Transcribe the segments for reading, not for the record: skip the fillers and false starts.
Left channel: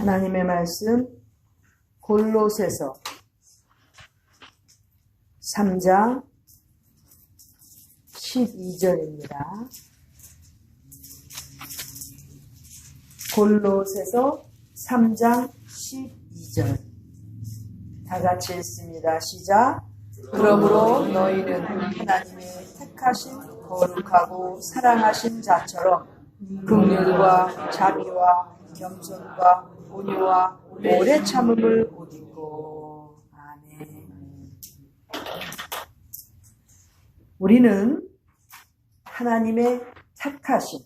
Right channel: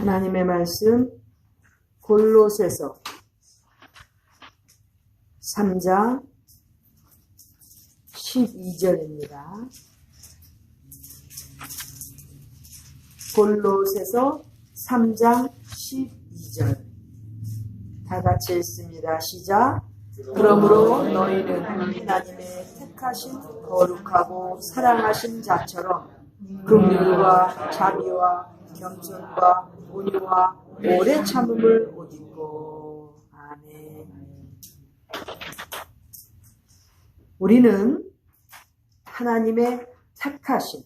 하나님의 말씀 골로새서 3장 12절입니다. 골로새서 3장 12절 다 같이 읽습니다. 시작. 그러므로 너희는 하나님의 택하신 거룩하고 사랑하신 자처럼 긍휼과 자비와 겸손과 온유와 오래 참음을 옷 입고. 아멘. 우리는 하나님의 택하신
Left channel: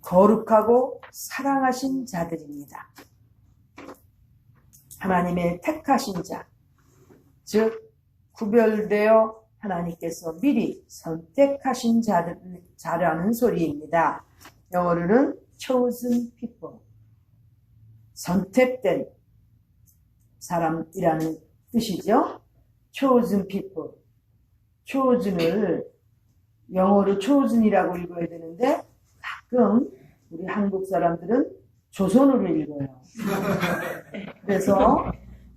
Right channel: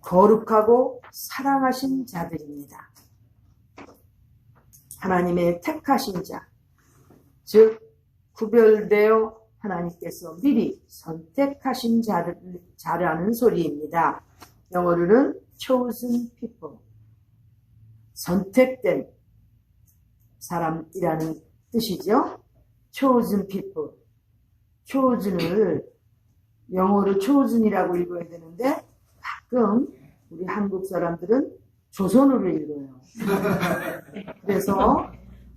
거룩하고 사랑하신 자들입니다. 하나님의 택하신 자, 즉 구별되어 하나님께서 미리 선택하신 자라는 소리입니다. 영어로는 chosen people, 선택된 사람이라는 뜻이죠. chosen people, chosen을 영어로 chosen이라고 읽어야 되는데 가끔 우리 한국 사람들은 조선으로 읽어요. 그래서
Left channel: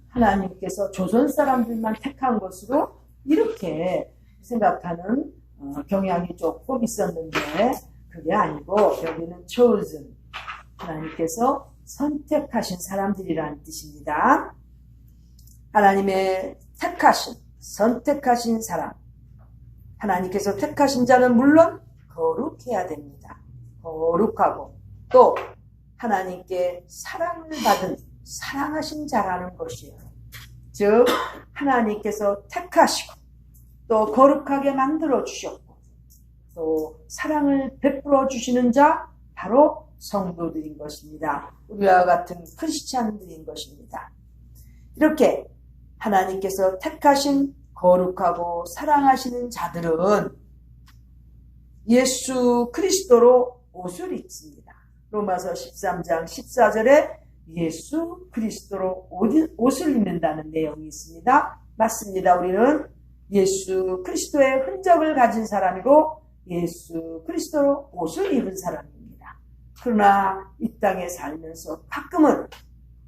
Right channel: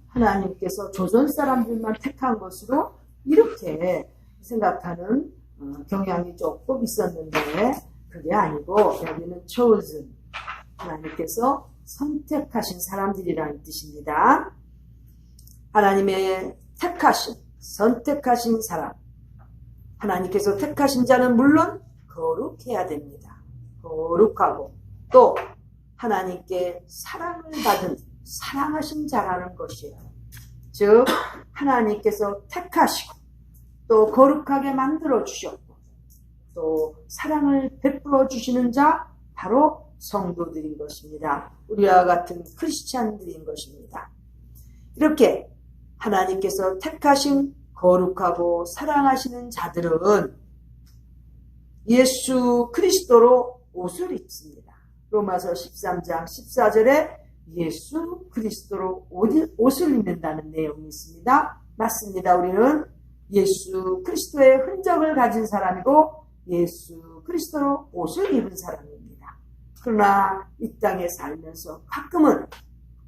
하나님께서 조선 사람들만 택한 것으로 이렇게 생각하는 경향이 조금 있었는데 그게 아니고 여기는 chosen, 하나님께서 선택하신 사람들이라는 뜻입니다. 하나님의 택하신, 선택하신 사람, 하나님께서 택하신 자는 물론 거룩해야 됩니다. 거룩하고 또 하나님께 사랑을 받은 사랑하신 자라는 것이에요. 즉 하나님께서 택하시고 또 거룩하게 만들어 주셨고 또 사랑을 베풀어 주시는 자 바로 성도들인 것입니다. 우리와 같은 크리스찬들인 것입니다. 이렇게 하나님께서 택하신 거룩하고 사랑하시는 자들은 예수 그리스도로 옷을 입습니다. 로마서 13장 14절에 예수 그리스도로 옷을 입는다는 내용이 있습니다. 맞습니다. 우리는 예수 그리스도의 흔적을 가진 사람이고 예수 그리스도로 옷을 입은 사람입니다. 그러나 이 땅에 살면서 가끔은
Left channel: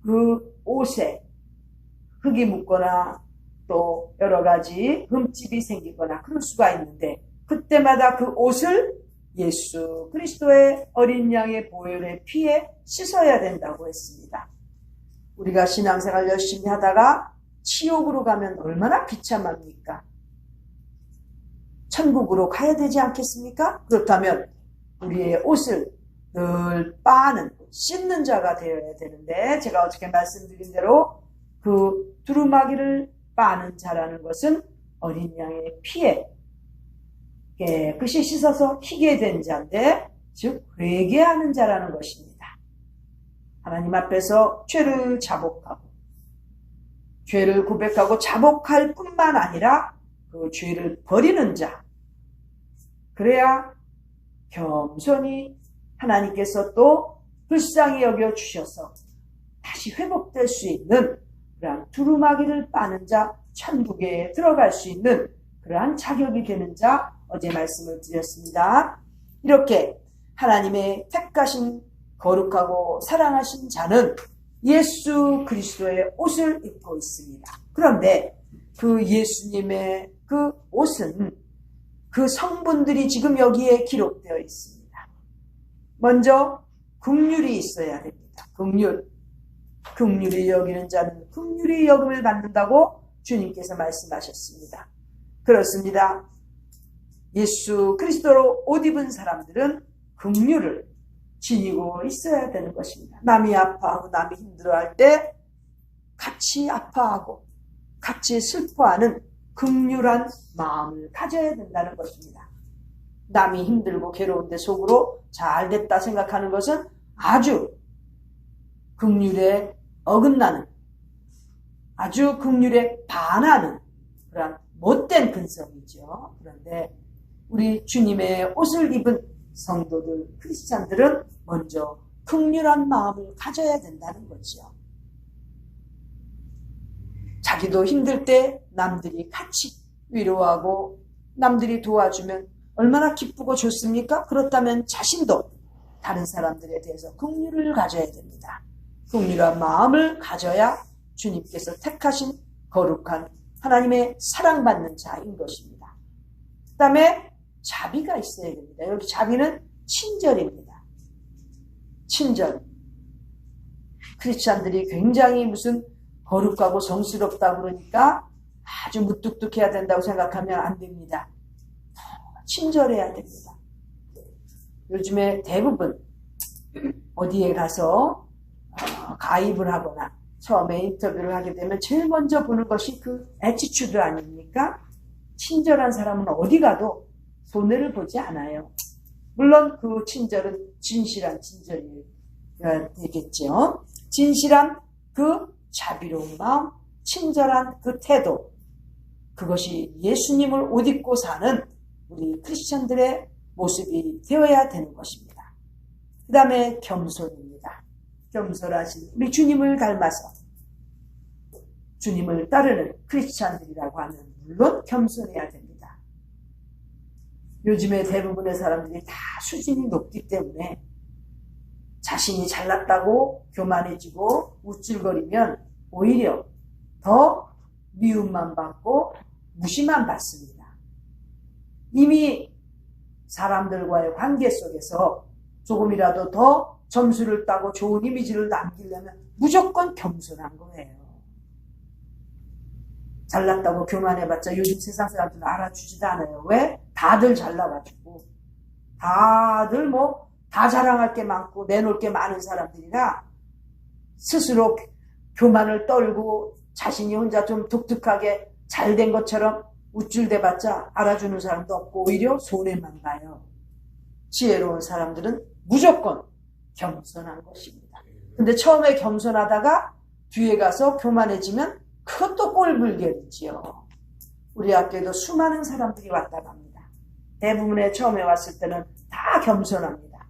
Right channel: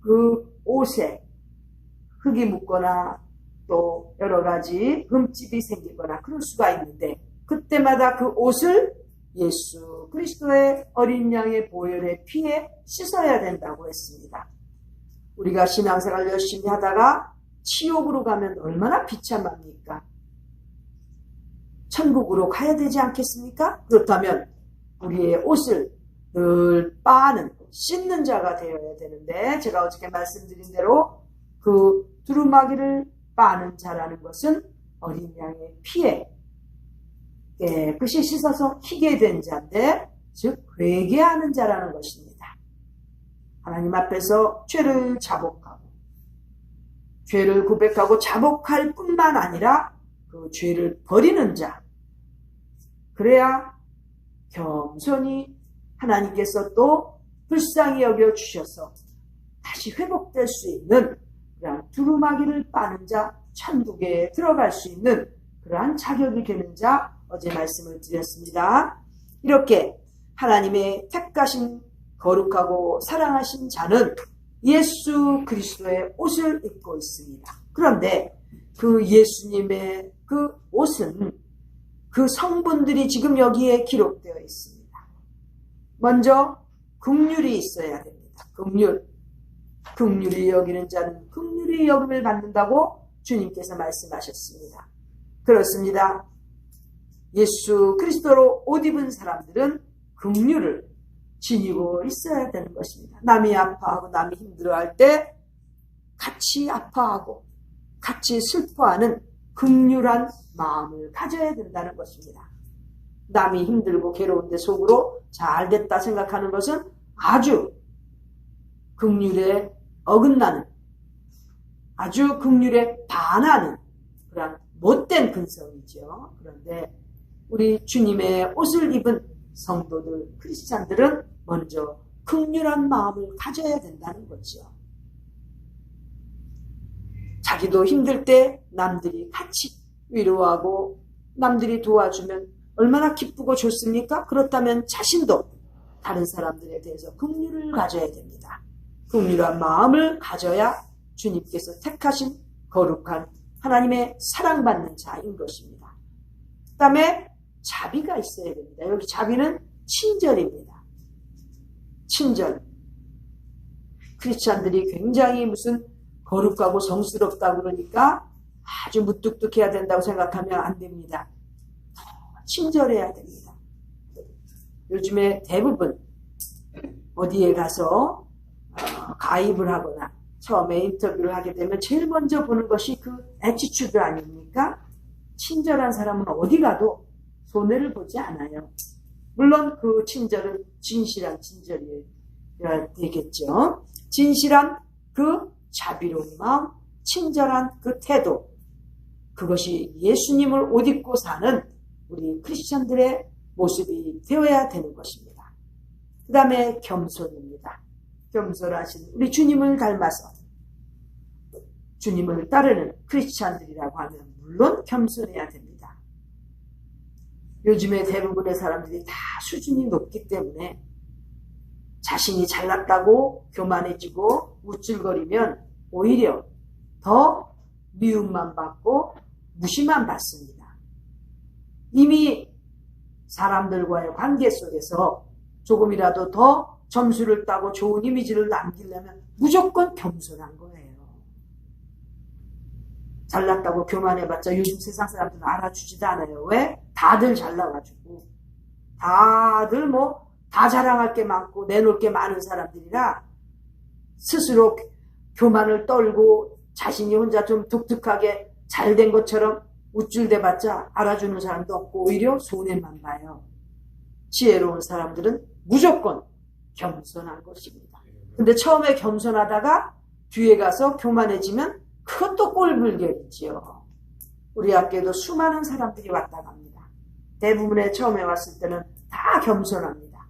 그 옷에 흙이 묻거나 또 여러 가지 흠집이 생기거나 그럴 수가 있는데 그때마다 그 옷을 예수 그리스도의 어린 양의 보혈의 피에 씻어야 된다고 했습니다. 우리가 신앙생활 열심히 하다가 지옥으로 가면 얼마나 비참합니까? 천국으로 가야 되지 않겠습니까? 그렇다면 우리의 옷을 늘 빠는, 씻는 자가 되어야 되는데 제가 어저께 말씀드린 대로 그 두루마기를 빠는 자라는 것은 어린 양의 피에 깨끗이 씻어서 희게 된 자인데 즉 회개하는 자라는 것입니다. 하나님 앞에서 죄를 자복하고 죄를 고백하고 자복할 뿐만 아니라 그 죄를 버리는 자, 그래야 겸손히 하나님께서 또 불쌍히 여겨 주셔서 다시 회복될 수 있는 그러한 두루마기를 빠는 자, 천국에 들어갈 수 있는 그러한 자격이 되는 자, 어제 말씀을 드렸습니다. 이렇게 하나님의 택하신 거룩하고 사랑하신 자는 예수 그리스도의 옷을 입고 있습니다. 그런데 그 예수님의 그 옷은 그 성분들이 지금 여기에 기록되어 있습니다. 먼저 긍휼이 있어야 됩니다. 긍휼히 여기는 자는 긍휼히 여김을 받는다고 주님께서 말씀하셨습니다. 그렇습니다. 예수 그리스도로 옷 입은 사람들은 긍휼을 지니고 있어야 되는 것입니다. 남이 아파하고 남이 힘들어할 때 같이 아파하고 같이 슬퍼하는 긍휼한 마음을 가져야 된다는 것입니다. 남이 힘들고 괴로운데 속으로 잘 됐다 생각하는 것은 아주 긍휼에 어긋나는, 아주 긍휼에 반하는 그런 못된 근성이죠. 그런데 우리 주님의 옷을 입은 성도들, 크리스찬들은 먼저 긍휼한 마음을 가져야 된다는 거죠. 자기도 힘들 때 남들이 같이 위로하고 남들이 도와주면 얼마나 기쁘고 좋습니까? 그렇다면 자신도 다른 사람들에 대해서 긍휼을 가져야 됩니다. 긍휼한 마음을 가져야 주님께서 택하신 거룩한 하나님의 사랑받는 자인 것입니다. 그 다음에 자비가 있어야 됩니다. 여기 자비는 친절입니다. 친절. 크리스찬들이 굉장히 무슨 거룩하고 성스럽다 그러니까 아주 무뚝뚝해야 된다고 생각하면 안 됩니다. 친절해야 됩니다. 요즘에 대부분 어디에 가서 가입을 하거나 처음에 인터뷰를 하게 되면 제일 먼저 보는 것이 그 애티튜드 아닙니까? 친절한 사람은 어디 가도 손해를 보지 않아요. 물론 그 친절은 진실한 친절이어야 되겠죠. 진실한 그 자비로운 마음, 친절한 그 태도, 그것이 예수님을 옷 입고 사는 우리 크리스천들의 모습이 되어야 되는 것입니다. 그 다음에 겸손입니다. 겸손하신 우리 주님을 닮아서 주님을 따르는 크리스찬들이라고 하면 물론 겸손해야 됩니다. 요즘에 대부분의 사람들이 다 수준이 높기 때문에 자신이 잘났다고 교만해지고 우쭐거리면 오히려 더 미움만 받고 무시만 받습니다. 이미 사람들과의 관계 속에서 조금이라도 더 점수를 따고 좋은 이미지를 남기려면 무조건 겸손한 거예요. 잘났다고 교만해봤자 요즘 세상 사람들은 알아주지도 않아요. 왜? 다들 잘나가지고 다들 다 자랑할 게 많고 내놓을 게 많은 사람들이라 스스로 교만을 떨고 자신이 혼자 좀 독특하게 잘된 것처럼 우쭐대봤자 알아주는 사람도 없고 오히려 손해만 봐요. 지혜로운 사람들은 무조건 겸손한 것입니다. 근데 처음에 겸손하다가 뒤에 가서 교만해지면 그것도 꼴불견이지요. 우리 학교에도 수많은 사람들이 왔다 갑니다. 대부분의 처음에 왔을 때는 다 겸손합니다.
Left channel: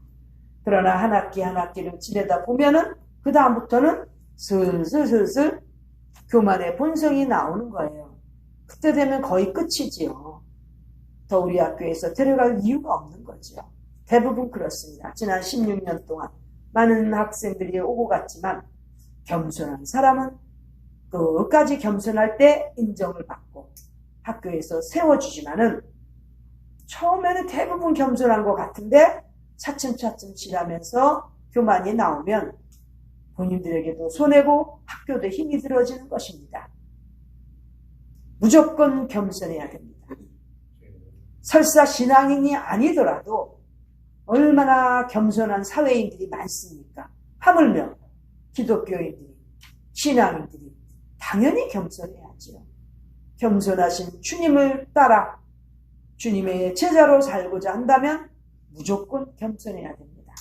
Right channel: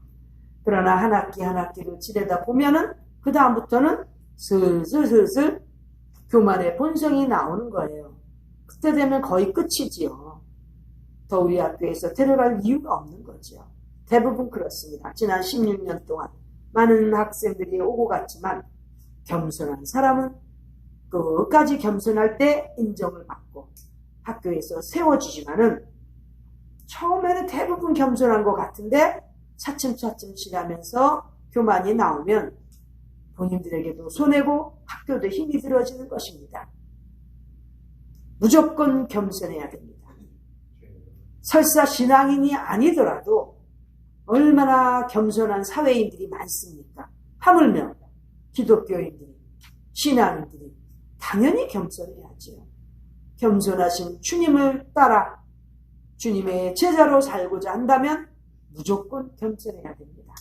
그러나 한 학기 한 학기를 지내다 보면은 그 다음부터는 슬슬 교만의 본성이 나오는 거예요. 그때 되면 거의 끝이지요. 더 우리 학교에서 데려갈 이유가 없는 거죠. 대부분 그렇습니다. 지난 16년 동안 많은 학생들이 오고 갔지만 겸손한 사람은 끝까지 겸손할 때 인정을 받고 학교에서 세워주지만은 처음에는 대부분 겸손한 것 같은데 차츰차츰 지나면서 교만이 나오면 본인들에게도 손해고 학교도 힘이 들어지는 것입니다. 무조건 겸손해야 됩니다. 설사 신앙인이 아니더라도 얼마나 겸손한 사회인들이 많습니까? 하물며 기독교인들이, 신앙인들이 당연히 겸손해야지요. 겸손하신 주님을 따라 주님의 제자로 살고자 한다면 무조건 겸손해야 됩니다.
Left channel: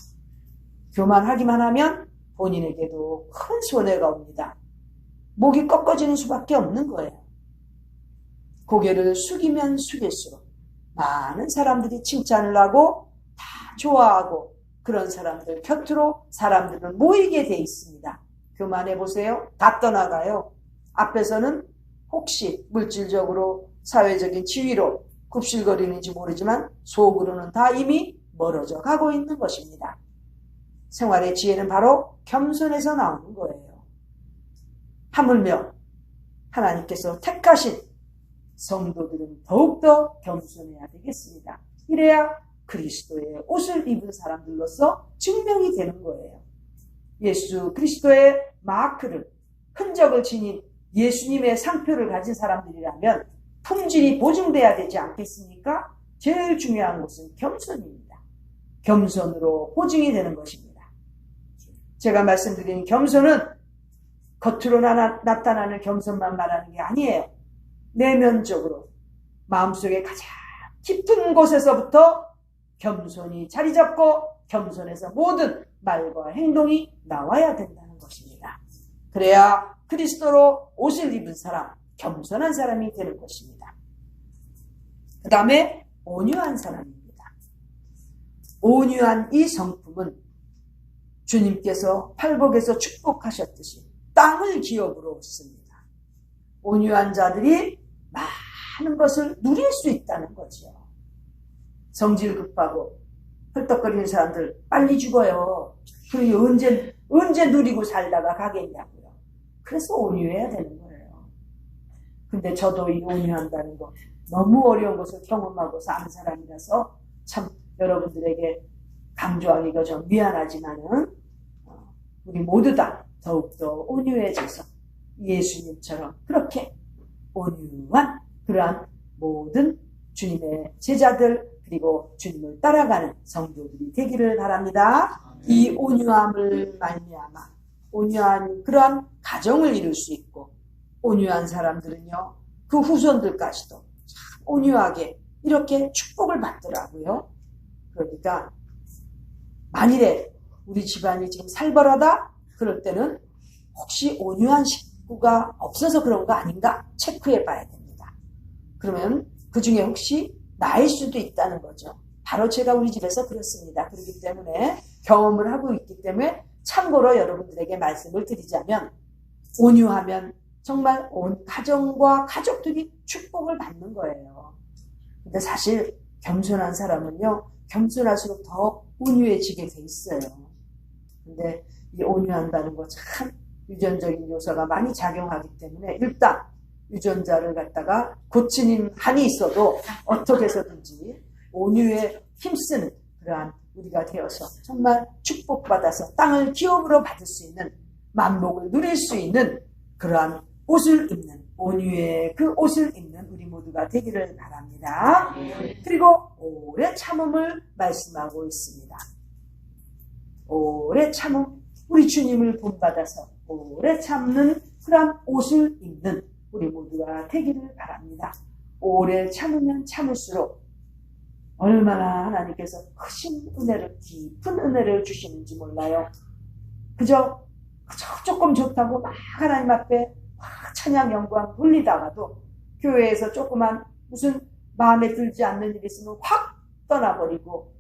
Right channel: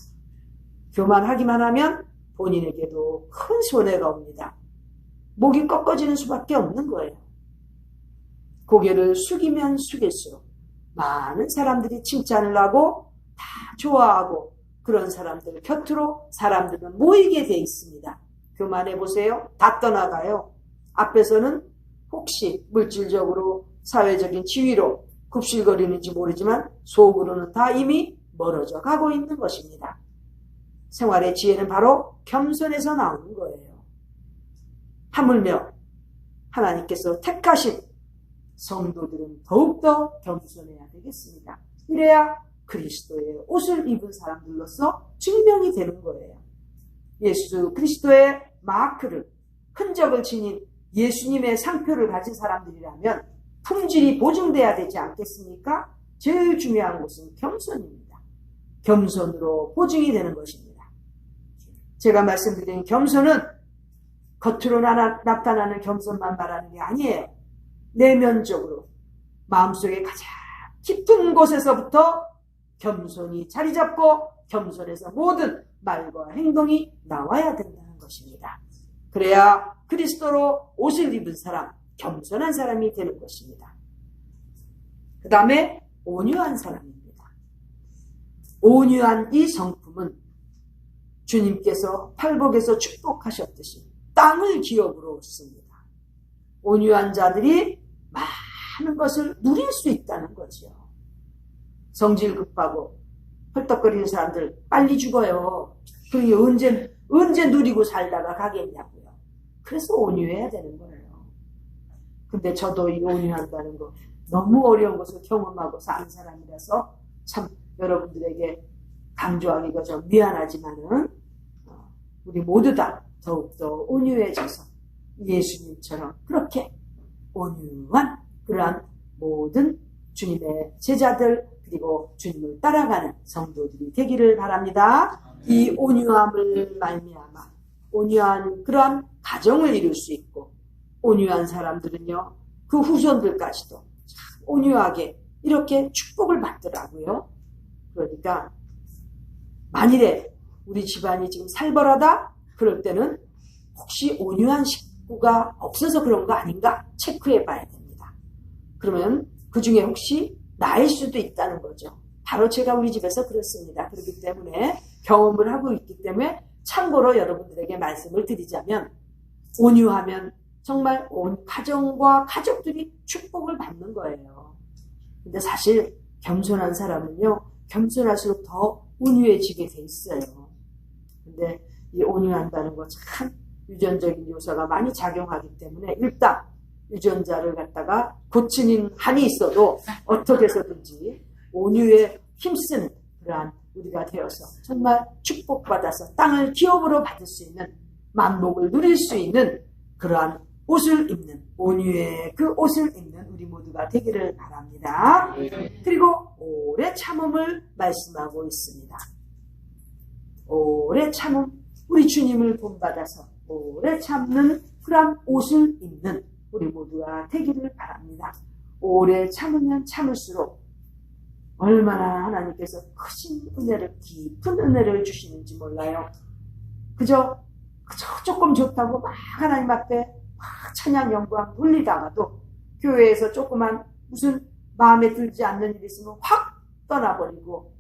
교만하기만 하면 본인에게도 큰 손해가 옵니다. 목이 꺾어지는 수밖에 없는 거예요. 고개를 숙이면 숙일수록 많은 사람들이 칭찬을 하고 다 좋아하고 그런 사람들 곁으로 사람들은 모이게 돼 있습니다. 교만해 보세요. 다 떠나가요. 앞에서는 혹시 물질적으로 사회적인 지위로 굽실거리는지 모르지만 속으로는 다 이미 멀어져 가고 있는 것입니다. 생활의 지혜는 바로 겸손에서 나오는 거예요. 하물며 하나님께서 택하신 성도들은 더욱더 겸손해야 되겠습니다. 이래야 그리스도의 옷을 입은 사람들로서 증명이 되는 거예요. 예수 그리스도의 마크를, 흔적을 지닌 예수님의 상표를 가진 사람들이라면 품질이 보증돼야 되지 않겠습니까? 제일 중요한 것은 겸손입니다. 겸손으로 보증이 되는 것입니다. 제가 말씀드린 겸손은 겉으로 나타나는 겸손만 말하는 게 아니에요. 내면적으로 마음속에 가장 깊은 곳에서부터 겸손이 자리 잡고 겸손해서 모든 말과 행동이 나와야 된다는 것입니다. 그래야 그리스도로 옷을 입은 사람, 겸손한 사람이 되는 것입니다. 그 다음에 온유한 사람입니다. 온유한 이 성품은 주님께서 팔복에서 축복하셨듯이 땅을 기업으로 얻습니다. 온유한 자들이 많은 것을 누릴 수 있다는 거죠. 성질 급하고 헐떡거리는 사람들 빨리 죽어요. 그리고 언제 언제 누리고 살다가 가겠냐고요. 그래서 온유해야 되는 거예요. 근데 저도 이 온유한다는 거 너무 어려운 것을 경험하고 사는 사람이라서 참 여러분들에게 강조하기가 좀 미안하지만은 우리 모두 다 더욱더 온유해져서 예수님처럼 그렇게 온유한 그러한 모든 주님의 제자들 그리고 주님을 따라가는 성도들이 되기를 바랍니다. 이 온유함을 말미암아 온유한 그러한 가정을 이룰 수 있고 온유한 사람들은요 그 후손들까지도 온유하게 이렇게 축복을 받더라고요. 그러니까 만일에 우리 집안이 지금 살벌하다 그럴 때는 혹시 온유한 식구가 없어서 그런 거 아닌가 체크해 봐야 됩니다. 그러면 그 중에 혹시 나일 수도 있다는 거죠. 바로 제가 우리 집에서 그렇습니다. 그렇기 때문에 경험을 하고 있기 때문에 참고로 여러분들에게 말씀을 드리자면 온유하면 정말 온 가정과 가족들이 축복을 받는 거예요. 근데 사실 겸손한 사람은요 겸손할수록 더 온유해지게 돼 있어요. 근데 이 온유한다는 거 참 유전적인 요소가 많이 작용하기 때문에 일단 유전자를 갖다가 고치는 한이 있어도 어떻게 해서든지 온유에 힘쓰는 그러한 우리가 되어서 정말 축복받아서 땅을 기업으로 받을 수 있는 만복을 누릴 수 있는 그러한 옷을 입는 온유의 그 옷을 입는 우리 모두가 되기를 바랍니다. 그리고 오래 참음을 말씀하고 있습니다. 오래 참음 우리 주님을 본받아서 오래 참는 그러한 옷을 입는 우리 모두가 되기를 바랍니다. 오래 참으면 참을수록 얼마나 하나님께서 크신 은혜를 깊은 은혜를 주시는지 몰라요. 그저 조금 좋다고 막 하나님 앞에 막 찬양 영광 돌리다가도 교회에서 조그만 무슨 마음에 들지 않는 일이 있으면 확 떠나버리고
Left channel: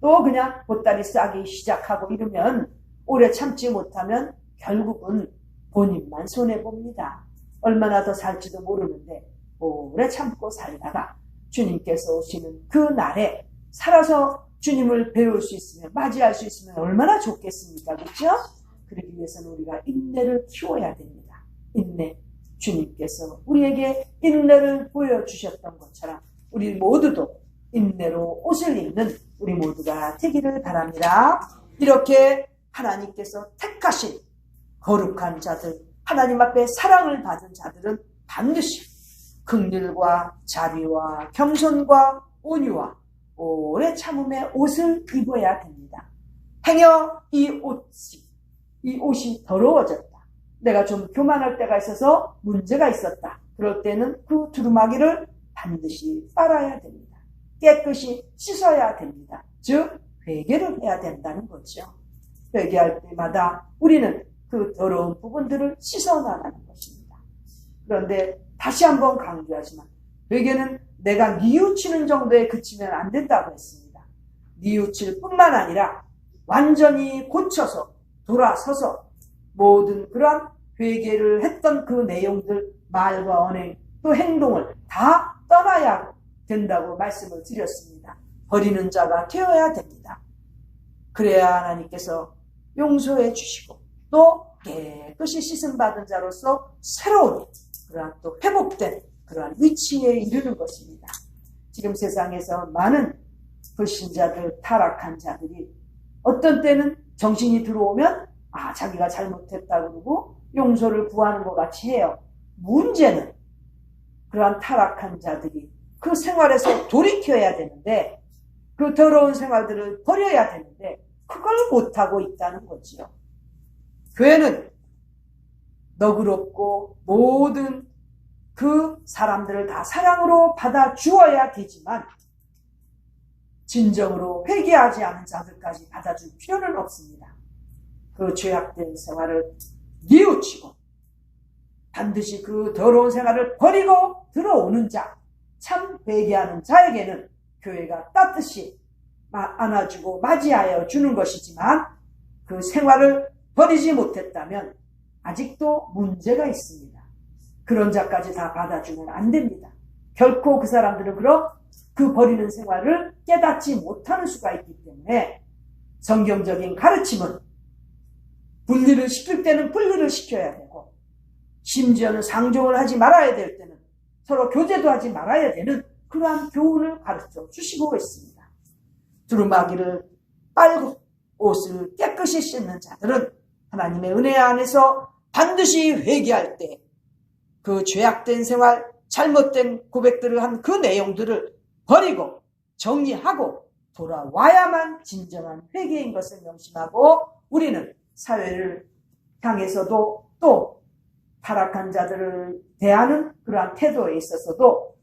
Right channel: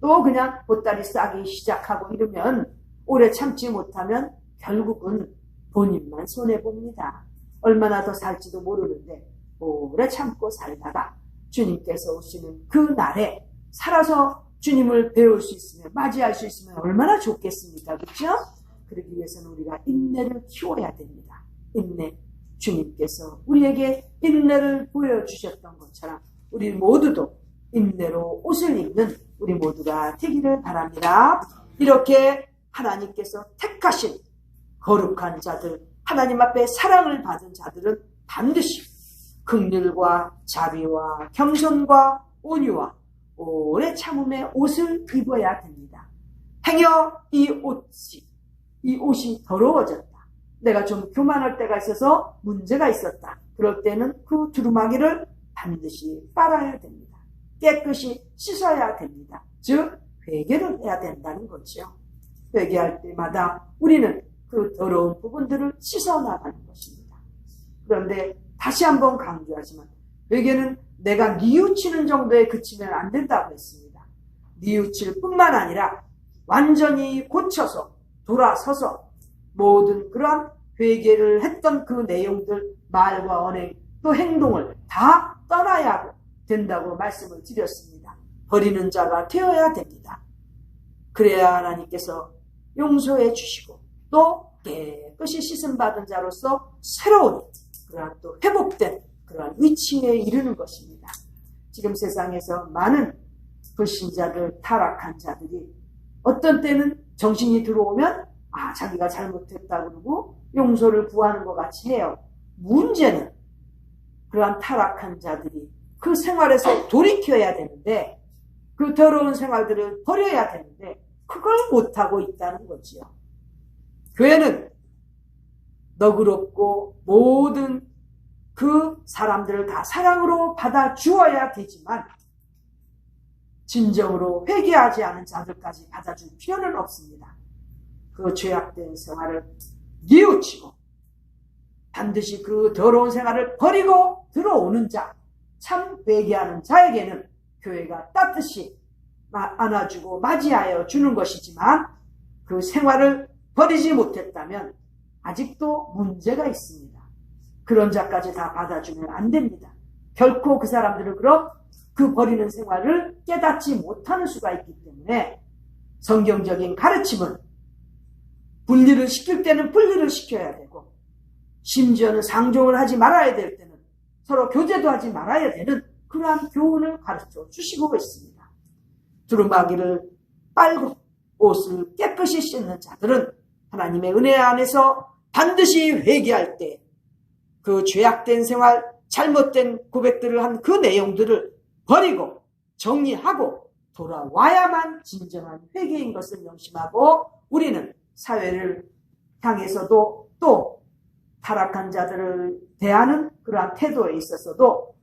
또 그냥 보따리 싸기 시작하고 이러면 오래 참지 못하면 결국은 본인만 손해봅니다. 얼마나 더 살지도 모르는데 오래 참고 살다가 주님께서 오시는 그 날에 살아서 주님을 배울 수 있으면 맞이할 수 있으면 얼마나 좋겠습니까? 그렇죠? 그러기 위해서는 우리가 인내를 키워야 됩니다. 인내. 주님께서 우리에게 인내를 보여주셨던 것처럼 우리 모두도 인내로 옷을 입는 우리 모두가 되기를 바랍니다. 이렇게 하나님께서 택하신 거룩한 자들, 하나님 앞에 사랑을 받은 자들은 반드시 긍휼과 자비와 겸손과 온유와 오래 참음의 옷을 입어야 됩니다. 행여 이 옷이 더러워졌다. 내가 좀 교만할 때가 있어서 문제가 있었다. 그럴 때는 그 두루마기를 반드시 빨아야 됩니다. 깨끗이 씻어야 됩니다. 즉 회개를 해야 된다는 거죠. 회개할 때마다 우리는 그 더러운 부분들을 씻어나가는 것입니다. 그런데 다시 한번 강조하지만 회개는 내가 뉘우치는 정도에 그치면 안 된다고 했습니다. 뉘우칠 뿐만 아니라 완전히 고쳐서 돌아서서 모든 그런 회개를 했던 그 내용들, 말과 언행, 또 행동을 다 떠나야 된다고 말씀을 드렸습니다. 버리는 자가 되어야 됩니다. 그래야 하나님께서 용서해 주시고 또 깨끗이 씻음받은 자로서 새로운 그러한 또 회복된 그러한 위치에 이르는 것입니다. 지금 세상에서 많은 불신자들, 타락한 자들이 어떤 때는 정신이 들어오면 자기가 잘못했다고 그러고 용서를 구하는 것 같이 해요. 문제는 그러한 타락한 자들이 그 생활에서 돌이켜야 되는데 그 더러운 생활들을 버려야 되는데 그걸 못하고 있다는 거지요. 교회는 너그럽고 모든 그 사람들을 다 사랑으로 받아주어야 되지만 진정으로 회개하지 않은 자들까지 받아줄 필요는 없습니다. 그 죄악된 생활을 뉘우치고 반드시 그 더러운 생활을 버리고 들어오는 자, 참 회개하는 자에게는 교회가 따뜻이 안아주고 맞이하여 주는 것이지만 그 생활을 버리지 못했다면 아직도 문제가 있습니다. 그런 자까지 다 받아주면 안 됩니다. 결코 그 사람들은 그 버리는 생활을 깨닫지 못하는 수가 있기 때문에 성경적인 가르침은 분리를 시킬 때는 분리를 시켜야 되고, 심지어는 상종을 하지 말아야 될 때는 서로 교제도 하지 말아야 되는 그러한 교훈을 가르쳐 주시고 있습니다. 두루마기를 빨고 옷을 깨끗이 씻는 자들은 하나님의 은혜 안에서 반드시 회개할 때 그 죄악된 생활, 잘못된 고백들을 한 그 내용들을 버리고 정리하고 돌아와야만 진정한 회개인 것을 명심하고, 우리는 사회를 향해서도 또 타락한 자들을 대하는 그러한 태도에 있어서도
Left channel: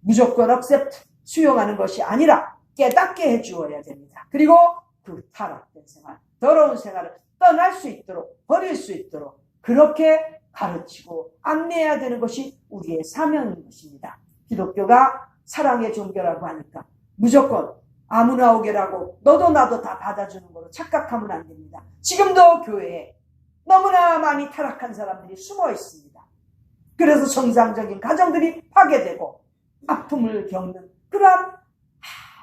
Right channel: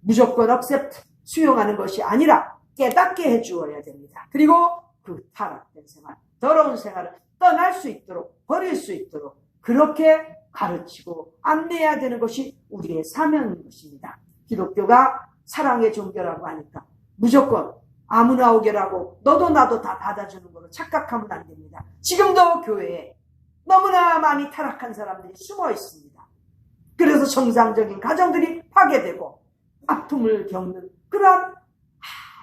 무조건 억셉트, 수용하는 것이 아니라 깨닫게 해주어야 됩니다. 그리고 그 타락된 생활, 더러운 생활을 떠날 수 있도록, 버릴 수 있도록 그렇게 가르치고 안내해야 되는 것이 우리의 사명인 것입니다. 기독교가 사랑의 종교라고 하니까 무조건 아무나 오게라고 너도 나도 다 받아주는 거로 착각하면 안 됩니다. 지금도 교회에 너무나 많이 타락한 사람들이 숨어 있습니다. 그래서 정상적인 가정들이 파괴되고 아픔을 겪는 그러한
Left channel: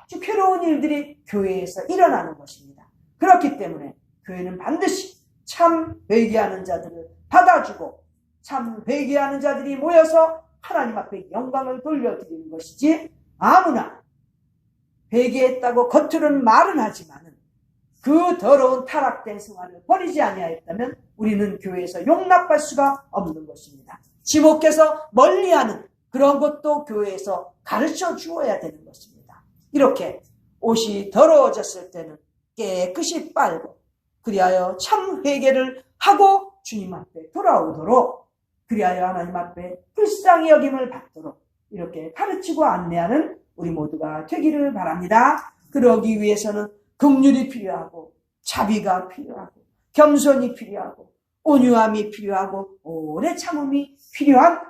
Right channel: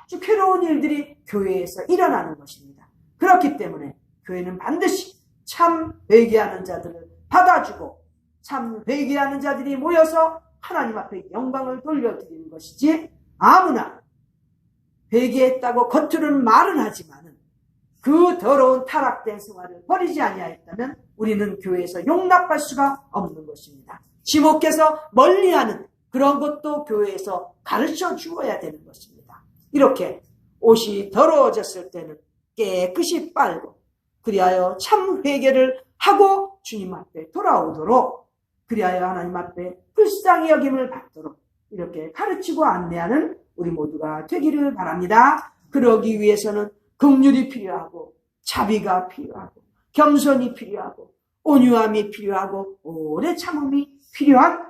아주 괴로운 일들이 교회에서 일어나는 것입니다. 그렇기 때문에 교회는 반드시 참 회개하는 자들을 받아주고 참 회개하는 자들이 모여서 하나님 앞에 영광을 돌려드리는 것이지, 아무나 회개했다고 겉으로는 말은 하지만은 그 더러운 타락된 생활을 버리지 아니하였다면 우리는 교회에서 용납할 수가 없는 것입니다. 지목해서 멀리하는 그런 것도 교회에서 가르쳐 주어야 되는 것입니다. 이렇게 옷이 더러워졌을 때는 깨끗이 빨고, 그리하여 참 회개를 하고 주님 앞에 돌아오도록, 그리하여 하나님 앞에 불쌍히 여김을 받도록 이렇게 가르치고 안내하는 우리 모두가 되기를 바랍니다. 그러기 위해서는 긍휼이 필요하고, 자비가 필요하고, 겸손이 필요하고, 온유함이 필요하고, 오래 참음이 필요한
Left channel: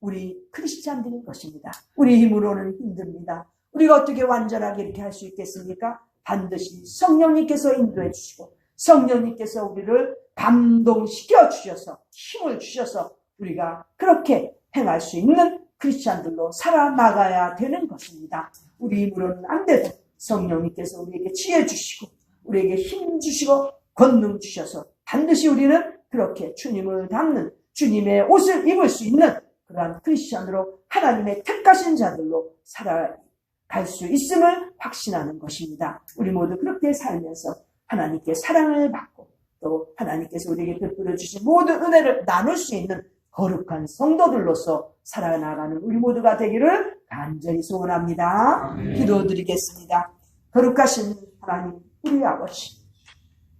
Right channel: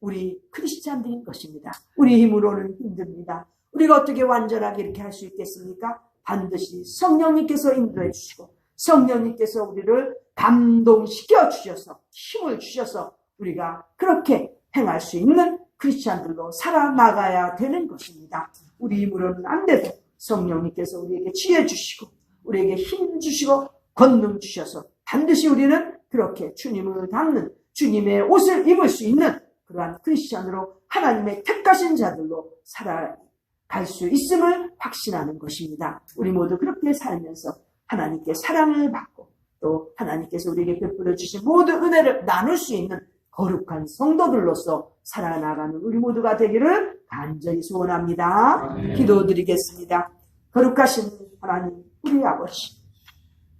우리 크리스찬들인 것입니다. 우리 힘으로는 힘듭니다. 우리가 어떻게 완전하게 이렇게 할 수 있겠습니까? 반드시 성령님께서 인도해 주시고 성령님께서 우리를 감동시켜 주셔서 힘을 주셔서 우리가 그렇게 행할 수 있는 크리스찬들로 살아나가야 되는 것입니다. 우리 힘으로는 안 돼도 성령님께서 우리에게 지혜 주시고 우리에게 힘 주시고 권능 주셔서 반드시 우리는 그렇게 주님을 닮는, 주님의 옷을 입을 수 있는 그러한 크리스찬으로, 하나님의 택하신 자들로 살아갈 수 있음을 확신하는 것입니다. 우리 모두 그렇게 살면서 하나님께 사랑을 받고 또 하나님께서 우리에게 베풀어 주신 모든 은혜를 나눌 수 있는 거룩한 성도들로서 살아나가는 우리 모두가 되기를 간절히 소원합니다. 기도드리겠습니다. 거룩하신 하나님, 우리 아버지,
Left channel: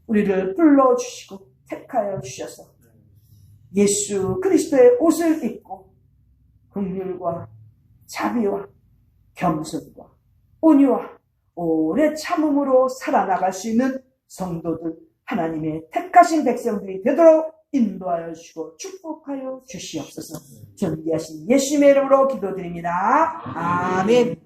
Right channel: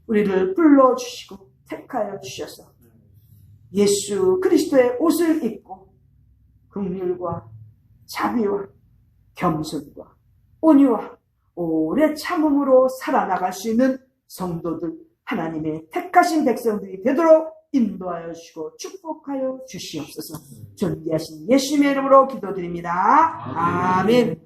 우리를 불러주시고 택하여 주셔서 예수 그리스도의 옷을 입고 긍휼과 자비와 겸손과 온유와 오래 참음으로 살아나갈 수 있는 성도들, 하나님의 택하신 백성들이 되도록 인도하여 주시고 축복하여 주시옵소서. 존귀하신 예수님의 이름으로 기도드립니다. 아멘.